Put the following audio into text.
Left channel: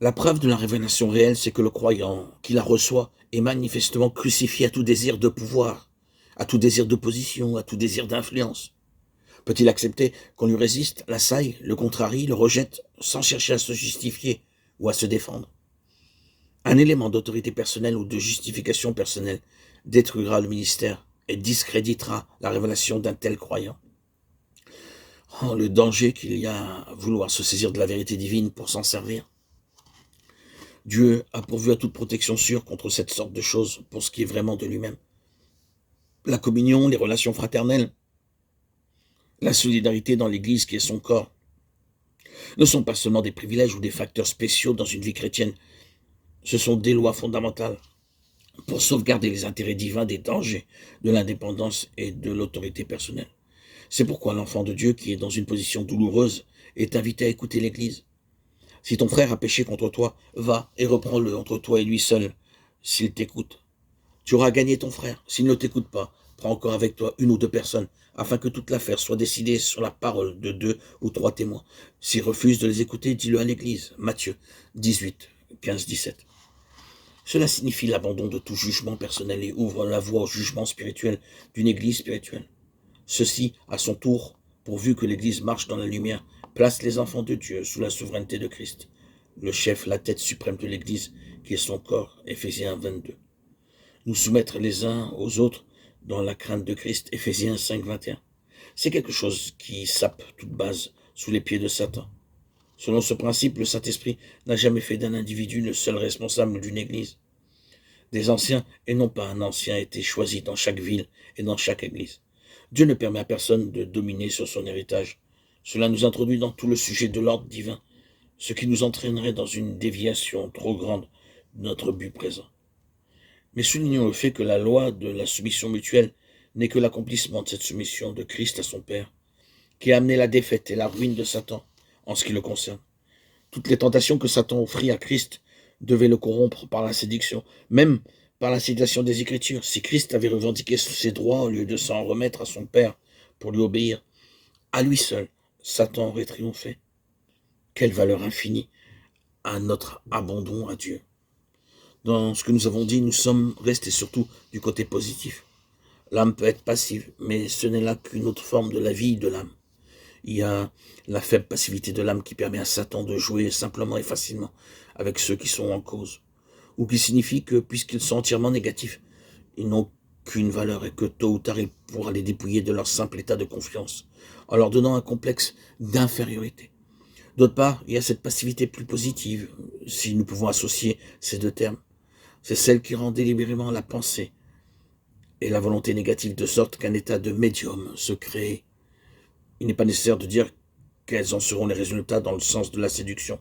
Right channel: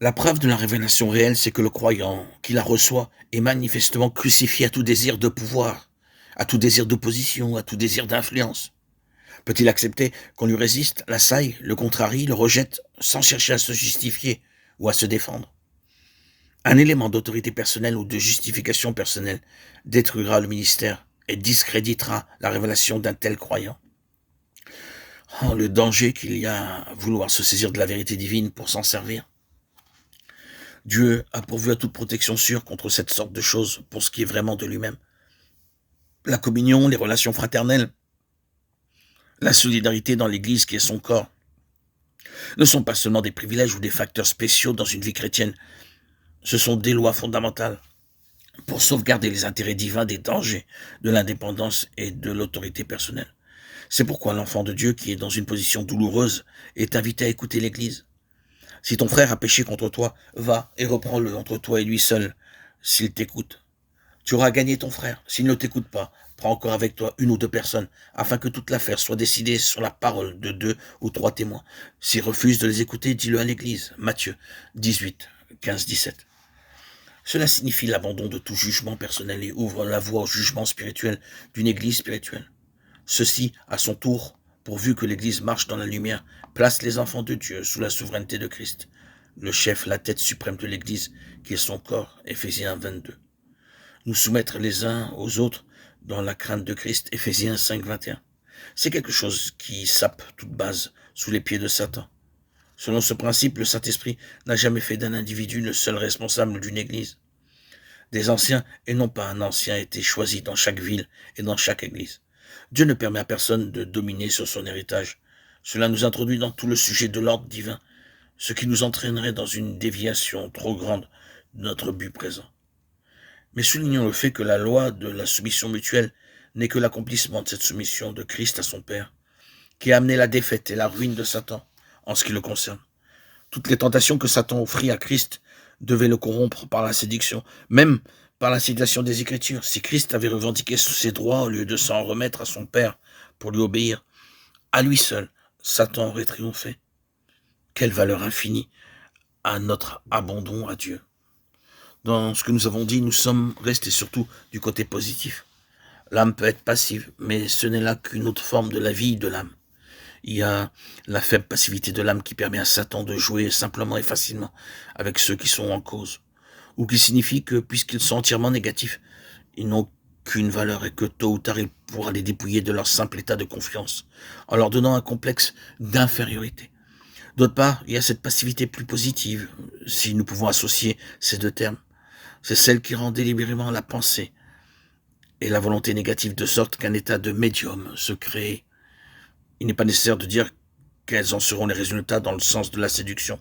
La preuve de la révélation réelle, c'est que le croyant qui la reçoit est manifestement crucifié à tout désir de pouvoir, à tout désir d'opposition, à tout désir d'influence. Peut-il accepter qu'on lui résiste, l'assaille, le contrarie, le rejette, sans chercher à se justifier ou à se défendre? Un élément d'autorité personnelle ou de justification personnelle détruira le ministère et discréditera la révélation d'un tel croyant. Oh, le danger qu'il y a à vouloir se saisir de la vérité divine pour s'en servir. Dieu a pourvu à toute protection sûre contre cette sorte de choses pour ce qui est vraiment de lui-même. La communion, les relations fraternelles, la solidarité dans l'Église qui est son corps, ne sont pas seulement des privilèges ou des facteurs spéciaux dans une vie chrétienne, ce sont des lois fondamentales pour sauvegarder les intérêts divins des dangers de l'indépendance et de l'autorité personnelle. C'est pourquoi l'enfant de Dieu qui est dans une position douloureuse est invité à écouter l'Église. Si ton frère a péché contre toi, va et reprends-le entre toi et lui seul, s'il t'écoute. Tu auras gagné ton frère. S'il ne t'écoute pas, prends encore avec toi une ou deux personnes, afin que toute l'affaire soit décidée sur la parole de 2 ou 3 témoins. S'il refuse de les écouter, dis-le à l'Église. Matthieu 18, 15-17. Cela signifie l'abandon de tout jugement personnel et ouvre la voie au jugement spirituel d'une Église spirituelle. Ceci, à son tour, pourvu que l'Église marche dans la lumière, place les enfants de Dieu sous la souveraineté de Christ, le chef, la tête suprême de l'Église, qui est son corps, Éphésiens 22. Nous soumettre les uns aux autres dans la crainte de Christ, Éphésiens 5, 21. C'est quelque chose qui sape toute base sous les pieds de Satan. Selon ce principe, le Saint-Esprit n'a jamais fait d'un individu le seul responsable d'une Église. Des anciens, et non pas un ancien, étaient choisis dans chaque ville et dans chaque Église. Dieu ne permet à personne de dominer sur son héritage. Cela nous introduit dans tout le sujet de l'ordre divin, ce qui nous entraînerait dans une déviation trop grande de notre but présent. Mais soulignons le fait que la loi de la soumission mutuelle n'est que l'accomplissement de cette soumission de Christ à son Père, qui a amené la défaite et la ruine de Satan en ce qui le concerne. Toutes les tentations que Satan offrit à Christ devaient le corrompre par la séduction, même par l'incitation des Écritures. Si Christ avait revendiqué ses droits au lieu de s'en remettre à son Père pour lui obéir, à lui seul, Satan aurait triomphé. Quelle valeur infinie à notre abandon à Dieu. Dans ce que nous avons dit, nous sommes restés surtout du côté positif. L'âme peut être passive, mais ce n'est là qu'une autre forme de la vie de l'âme. Il y a la faible passivité de l'âme qui permet à Satan de jouer simplement et facilement avec ceux qui sont en cause, ou qui signifie que, puisqu'ils sont entièrement négatifs, ils n'ont qu'une valeur et que tôt ou tard il pourra les dépouiller de leur simple état de confiance, en leur donnant un complexe d'infériorité. D'autre part, il y a cette passivité plus positive, si nous pouvons associer ces deux termes. C'est celle qui rend délibérément la pensée et la volonté négative de sorte qu'un état de médium se crée. Il n'est pas nécessaire de dire quels en seront les résultats dans le sens de la séduction.